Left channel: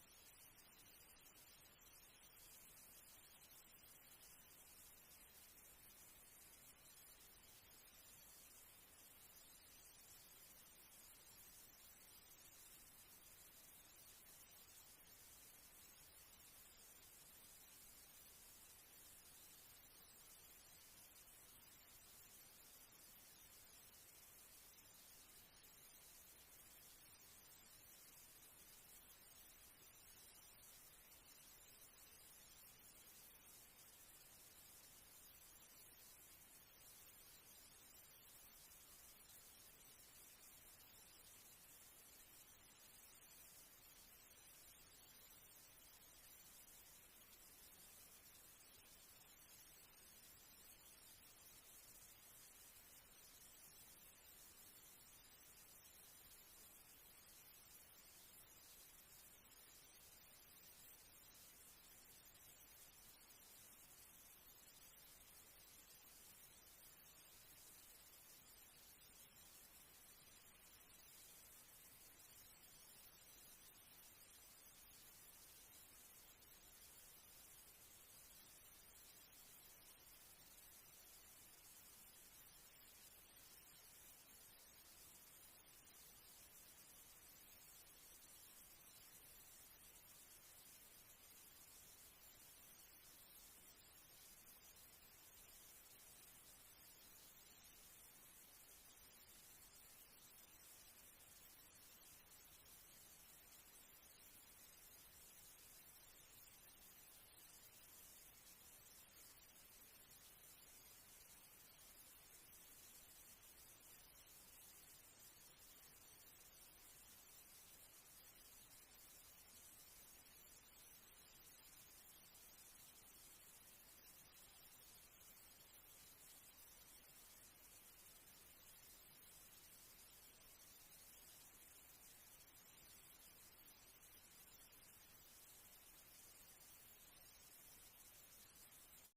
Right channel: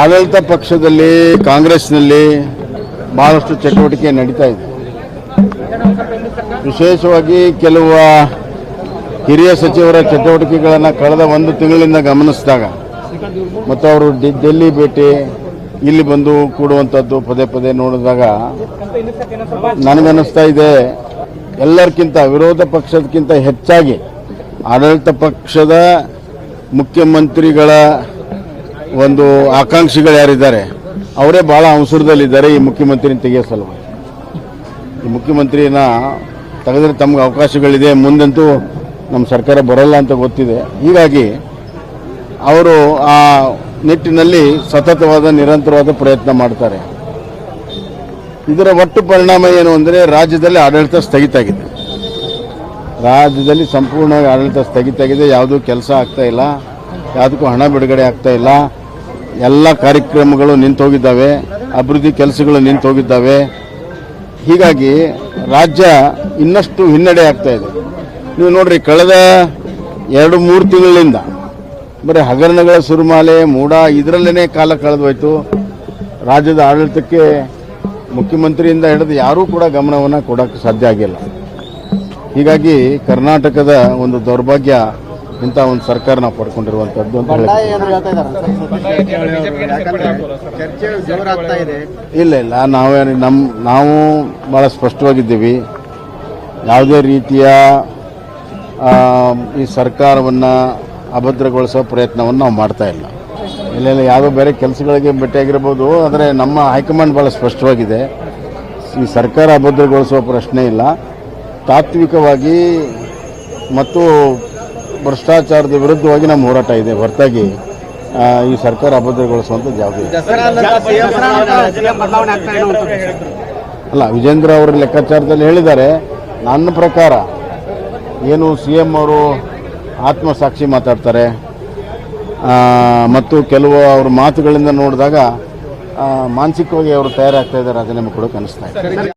ಆಡಳಿತ ಪಕ್ಷದಲ್ಲಿ ಕಾಂಗ್ರೆಸ್ನಲ್ಲಿ ಬಹಳಷ್ಟು ಚಟುವಟಿಕೆ ನಡೀತಾ ಇದೆ. ವಿಶೇಷವಾಗಿ ಕೆಲವು ಹಿರಿಯ ಸಚಿವರ ಚಟುವಟಿಕೆಗಳನ್ನು ಕಳೆದ ಒಂದು ತಿಂಗಳಿಂದ ಗಮನಿಸಿದಾಗ ಮತ್ತು ಅವರು ಡೆಲ್ಲಿ ಭೇಟಿ ಇಲ್ಲಿ ಬಂದು ಕೂಡುವಂಥದ್ದು ಪದೇ ಪದೇ ನೋಡಿದಾಗ ನನಗನ್ನಿಸ್ತಾ ಇದೆ ಎಲ್ಲರಿಗಿಂತ ವಿರೋಧ ಪಕ್ಷದಕ್ಕಿಂತ ಹೆಚ್ಚಾಗಿ ಆಡಳಿತ ಪಕ್ಷದ ಮುಖ್ಯಮಂತ್ರಿಗಳ ಒಂದು ಆಕಾಂಕ್ಷಿಗಳು ಯಾರಿದ್ದಾರೆ ಅವರೇ ಭಾಳ ಅವಸರದಲ್ಲಿದ್ದಾರೆ ಈ ಮುಖ್ಯಮಂತ್ರಿನ ತೆಗೆಯೋ ಸಲುವಾಗಿ. ಈ ಮುಖ್ಯಮಂತ್ರಿನ ತೆಗೆದ್ರೆ ತಮಗೆ ಅವಕಾಶಗಳಿದೆ, ಮುಂದಂತೂ ನಮ್ಮ ಸರ್ಕಾರ ಬರೋಲ್ಲ ಅಂತ ಗೊತ್ತಿದೆ. ಹೀಗಾಗಿ ಅವರು ಆ ನಿಟ್ಟಿನಲ್ಲಿ ಸತತವಾದ ನಿರಂತರವಾದ ಪ್ರಯತ್ನ ಮಾಡ್ತಾರೆ. ಇದರ ಒಟ್ಟು ಪರಿಣಾಮ ಏನು ಅಂದರೆ ರಾಜ್ಯದಲ್ಲಿ ಆಡಳಿತ ಸ್ಥಗಿತ ಆಗಿದೆ. ರಾಜ್ಯದಲ್ಲಿ ಸಂಪೂರ್ಣವಾಗಿ ಆಡಳಿತ ಸ್ಥಗಿತ ಆಗಿದೆ. ಯಾವುದೂ ಕೆಲಸ ಆಗ್ತಾ ಇಲ್ಲ, ಯಾವುದಕ್ಕೂ ಹಣ ಬಿಡುಗಡೆ ಆಗ್ತಾ ಇಲ್ಲ. ಎಲ್ಲ ಕಾರ್ಯಕ್ರಮಗಳು ನಿಂತೋಗಿದ್ದಾವೆ, ಅಭಿವೃದ್ಧಿ ಕೆಲಸಗಳು ನಿಂತೋಗಿದ್ದಾವೆ. ಹೀಗಾಗಿ ರಾಜ್ಯ ಇನ್ನಷ್ಟು ಹಿನ್ನಡೆ ಆಗ್ತಾ ಇದೆ. ನೀವು ನೋಡ್ರಿ, ಕಳೆದ 2-3 ತಿಂಗಳಿಂದ ಬರೀ ಹಗರಣಗಳ ಸುರುಮಾಲೆ ಮೂಡ ಇದರಲ್ಲೇ ಕಾಲ ಕಳೆದೋಯ್ತು. ರಾಜ್ಯದ ಆಡಳಿತಕ್ಕೆ ಮುಖ್ಯಮಂತ್ರಿಯಿಂದ ಹಿಡಿದು ಯಾರೂ ಕೂಡ ಗಮನವನ್ನು ಕೊಡೋಕ್ಕೆ ಸಾಧ್ಯ ಆಗಿಲ್ಲ. ಹೀಗಾಗಿ ಕರ್ನಾಟಕದ ಒಂದು ದೌರ್ಭಾಗ್ಯ ಇಂಥ ಒಂದು ಸರ್ಕಾರ ನಾವು ಪಡ್ಕೊಂಡಿರುವಂಥದ್ದು ಅಂತ ಹೇಳಿ. ಇಲ್ಲ ನಾವು ಭಾಳ ಸ್ಪಷ್ಟವಾಗಿದ್ದೀವಿ. ಯಾವುದೇ ರೀತಿಯ ಈ ಸರ್ಕಾರವನ್ನು ಅಭದ್ರಗೊಳಿಸೋ ಪ್ರಯತ್ನವನ್ನು ನಾವು ಮಾಡ್ತಾ ಇಲ್ಲ. ಇಲ್ಲ ಯಾವುದೋ ಬೇರೆ ಕೆಲಸಗಳಿಗೆ ಭೇಟಿಯಾಗಿರ್ಬೋದು, ಆದರೆ ನಮ್ಮ ಹೈಕಮಾಂಡ್ ಭಾಳ ಸ್ಪಷ್ಟವಾಗಿದೆ. ಈ ಸರ್ಕಾರ ಅಭದ್ರಗೊಳಿಸುವ ಪ್ರಶ್ನೆ ಇಲ್ಲ. ತಾತ್ವಿಕವಾಗಿ ಮತ್ತು ಭ್ರಷ್ಟಾಚಾರದ ವಿರುದ್ಧವಾಗಿ ನಮ್ಮ ಹೋರಾಟ ಇದೆ ಹೊರತಾಗಿ ಈ ಸರ್ಕಾರ ಅಭದ್ರಗೊಳಿಸುವಂಥದ್ದು ಯಾವುದೇ ಅಲ್ಲ. ವಿಜೇಂದ್ರ ಅವರ ಲೆಕ್ಕಾಚಾರದಲ್ಲಿ ಹೇಳಿದ್ದಾರೆ. ನನ್ನ ಪ್ರಕಾರ ಏನು CM ಅವರು ಆತ್ಮಸಾಕ್ಷಿ ಮಾತಾಡ್ತಾರೆ ಮತ್ತು ಕೆಲವು ಅವ್ರ ಮಾತುಗಳಿಂದ ನೋಡಿದಾಗ ಮಾನಸಿಕವಾಗಿ ಅವರು ತಯಾರಾಗ್ತಾ ಇದ್ದಾರೆ, ರಾಜೀನಾಮೆ ಕೊಡೋಕೆ ಅನಿಸ್ತಾ ಇದೆ.